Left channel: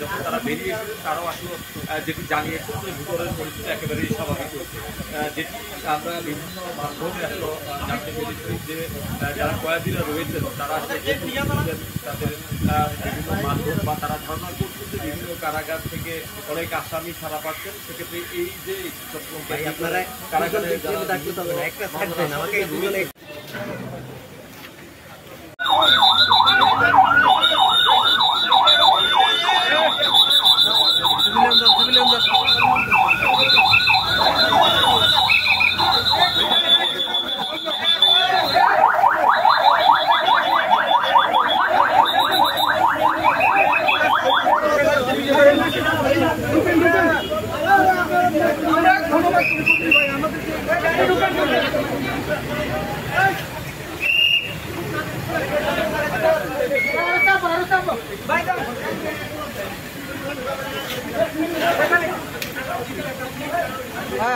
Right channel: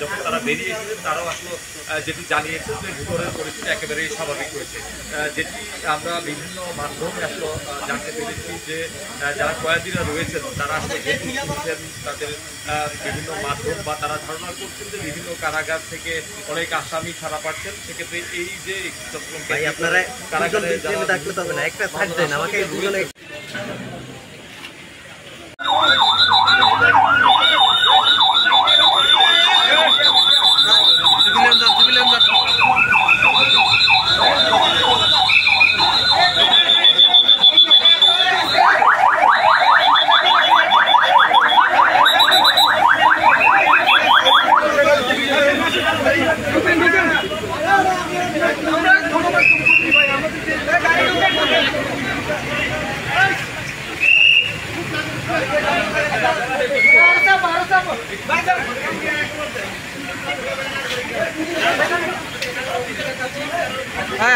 যখন তারা বেরিয়ে এসেছেন তারাও আসলে যেটি জানিয়েছেন যে ভিতরের পরিস্থিতি একেবারেই স্বাভাবিক হয়েছে, যেটি আমরা বিভিন্ন মাধ্যমে আসলে জানতে পেরেছি যে যারা কয়েদিরা রয়েছেন তারা আসলে তাদের বিভিন্ন মাধ্যম বা তারা ধারণা করছেন যে বিভিন্ন কারাগার থেকে অনেক আসামি ছাড়া পাচ্ছেন। সেক্ষেত্রে এই যে কারাগারে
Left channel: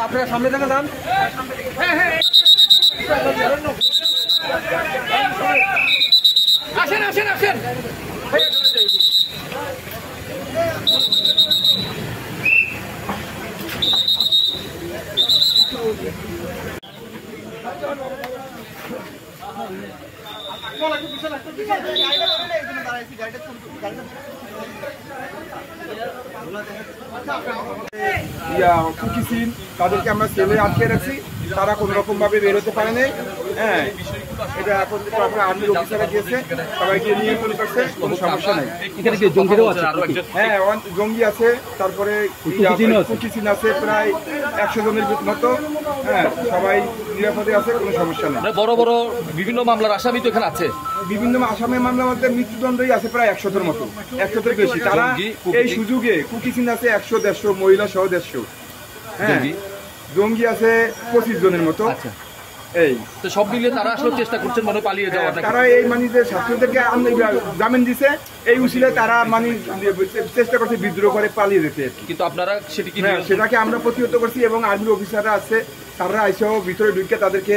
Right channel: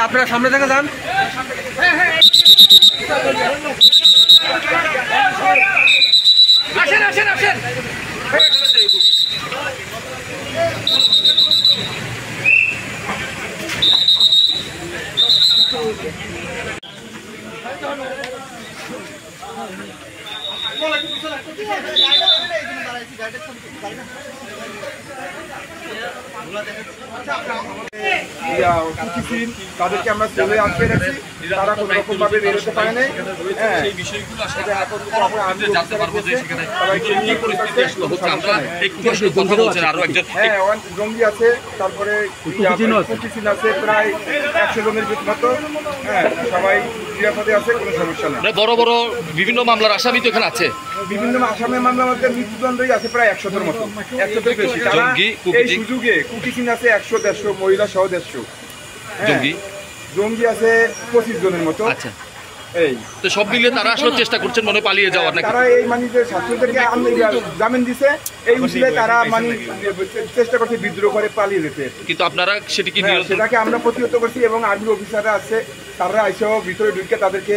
আপনারা সামনে থেকে যান। আসেন আসেন আসেন। তাদেরকে আমরা সেলে আটকে রাখছি, তারা কোন রকম ভাবে বেরোতে পারে নাই। হ্যাঁ, এখন সবাইকে নিয়ে সমস্যা নেই। হ্যাঁ, জঙ্গি আছে, তারপরে আছে প্রায় 100 জনের মতো। হ্যাঁ, সবাই নিরাপদে আছে, কোনো সমস্যা নেই। বড় বড় বিভিন্ন মামলার আসামি তো এখানে আছে, বিভিন্ন আসামের মামলার মধ্যে মৃত্যুদণ্ডই আছে প্রায় 100-এর মতো, 100-এর বেশি। তারা এই সুযোগে কুকিচিন আছে 100-150, মহিলা সহ 150। জঙ্গি আছে 25 জনের মতো। আচ্ছা, এই তো সব মিলিয়ে তারা আসলে চেষ্টা করছেন মনে পালিয়ে যাওয়ার। তারা এই মানে যে ছাত্রদেরকে জামিন দিছে, এই উচিলে তারা মানে চেষ্টা করছে বিদ্রোহ করে পালিয়ে যেতে। কিন্তু আপনারা সেটাকে আমরা প্রতিহত করছি এবং আর্মির অফিসাররা আছে, তারা এসেও ভিতরে ঢুকে তাদেরকে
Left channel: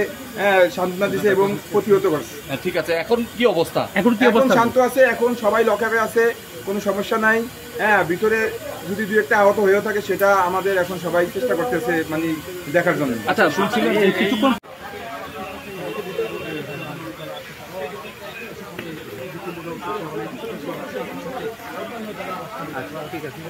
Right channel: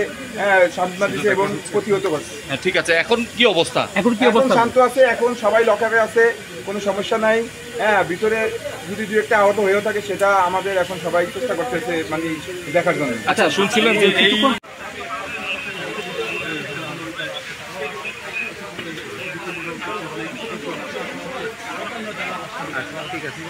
সান্ত্বনা দিচ্ছে এবং প্রতিহত করছে। ঠিক আছে, এখন কি অবস্থা? এখন শান্ত আছে, এখন সবাই লকআপে আছে, কোনো সমস্যা নাই। হ্যাঁ, ভিতরে যদি দু একটা আহত হয়েও থাকে সেটা আমাদের এখন সবাই চেষ্টা করতেছে মানে দেখার জন্য। আচ্ছা, শুনছিলাম যে ঠিক আছে।